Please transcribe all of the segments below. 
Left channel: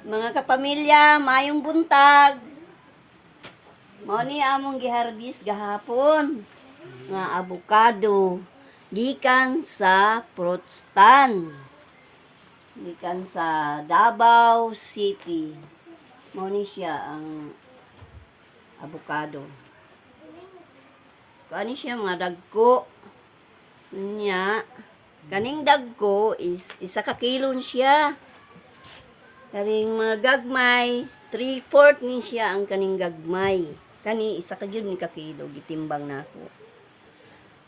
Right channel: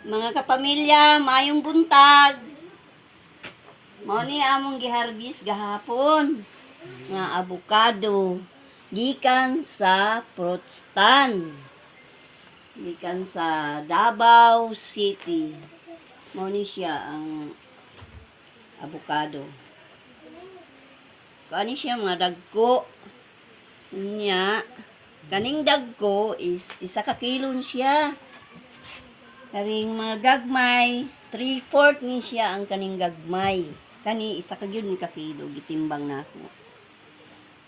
Mga kapamilya, mayong buntag. Mao ni among giharbis gahapon nga avocado gikan sa fruit stand. Gikan sa Davao City. Mao ni siya ang avocado. Kani siya mga dagko niya. Kaning dagko is isa ka kilo siya. Kaning mga gagmay, 3/4 ni siya ang kaning gagmay. Kani isa ka gyud ni ka kilo gitimbang nako.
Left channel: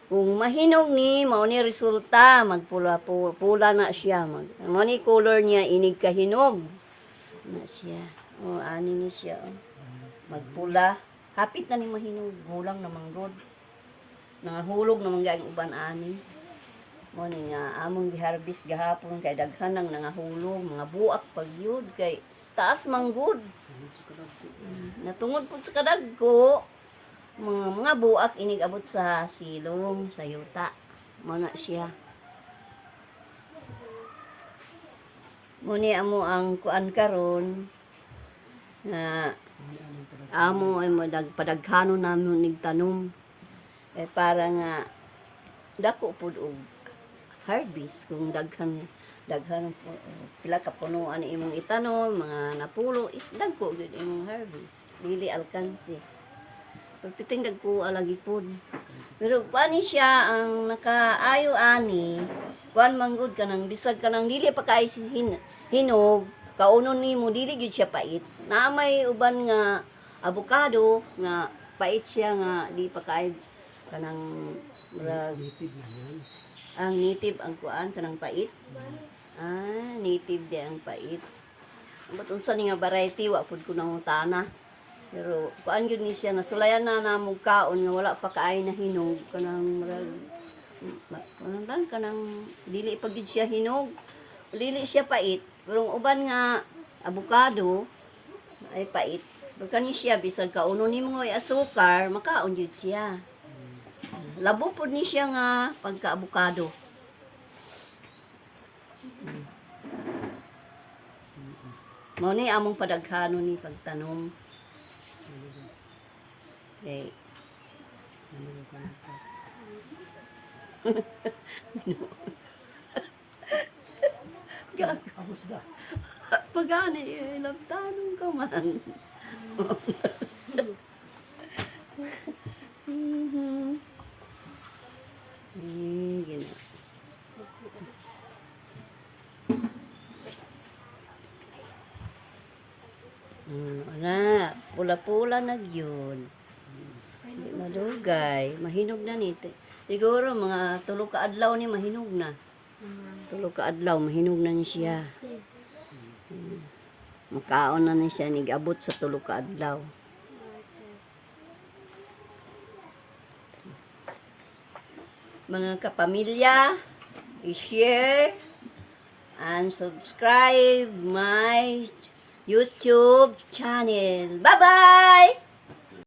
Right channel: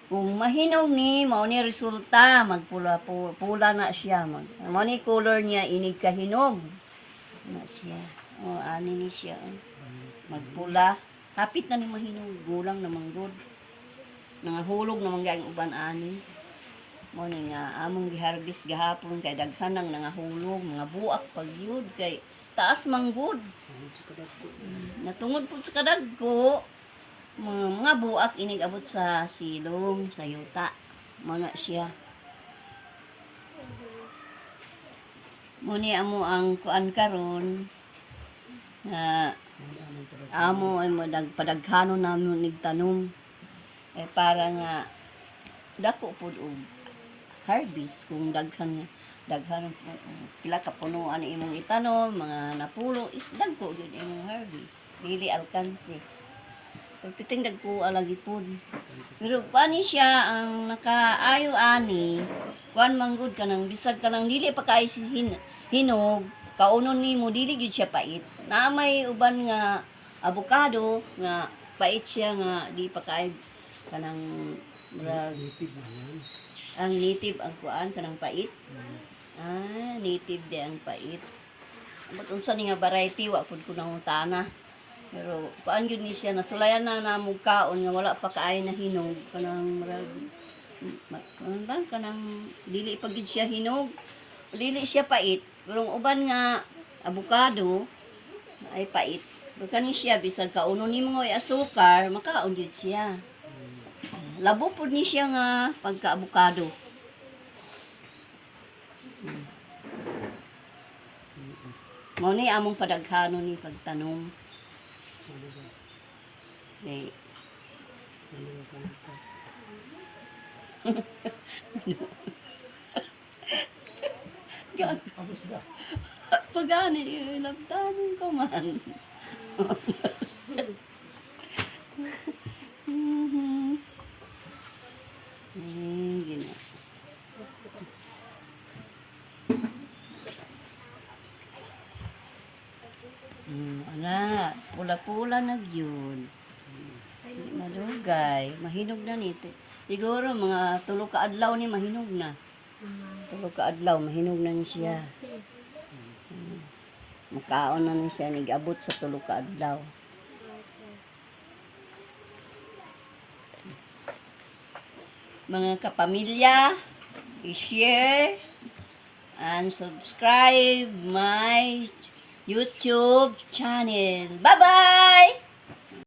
Kung mahinog ni mao ni resulta magpula-pula na siya. Mao ni color niya inig kahinog. Na siya. O ani ni siya. Magpula. Hapit na ni mahinog, gulang na manggod. Nangahulog na mangyang uban ani. Mo ni nga among giharvest gahapon kay daghan nang nangahulog, mga buak pagyud kay taas manggod. Natungod pud sa kadagko, mga buak inig abot sa silong, sa yuta. Mo na siya. Mo ni amo ang kuan karon na amo ay mo padaghanon namin nigtanom. Eh para nga dako pud og harvest kung daghan pila ka punuan imong itanom, mga napulo is dagko gyud imong harvest. Dili alkansi. Pagpiting dagko alagi pud. Pero pani siya ang nakaayo ani, kuan manggod kanang bisag kanang dili pa kay hinog, kaunon nimo dili gyud siya pait. Na may uban nga avocado nga pait siya nga di pa kay kanang ang native ang kuan kanang pait. Native di ang pait. But unsa ni nga variety wa pud ko nangutana. Pero kuan gyud ni siya nasulayan na namog kaon nga wala pa kaay na hinog kanang kanang dili pa gid siya hinog. Dili siya pait. Pero uban nga avocado ay pait. Pero kani siya bisag kauno nimo nga asukar, makaon gyud siya. Labo po ni siya nga pagka-avocado. Mao ni among padaghanon ni pagtanom. Okay. Pagani, ilabtanon ka man. Gina. Ana, pula-pula na gyud. Hindi madugay, mahinog na ni. Siguro mga 3 ka adlaw ni mahinog na. 3 ka adlaw mahinog na ni siya. Makaon na ni siya nigabot sa 3 ka adlaw. Mga kapamilya, i-share and subscribe my YouTube channel. Bye-bye!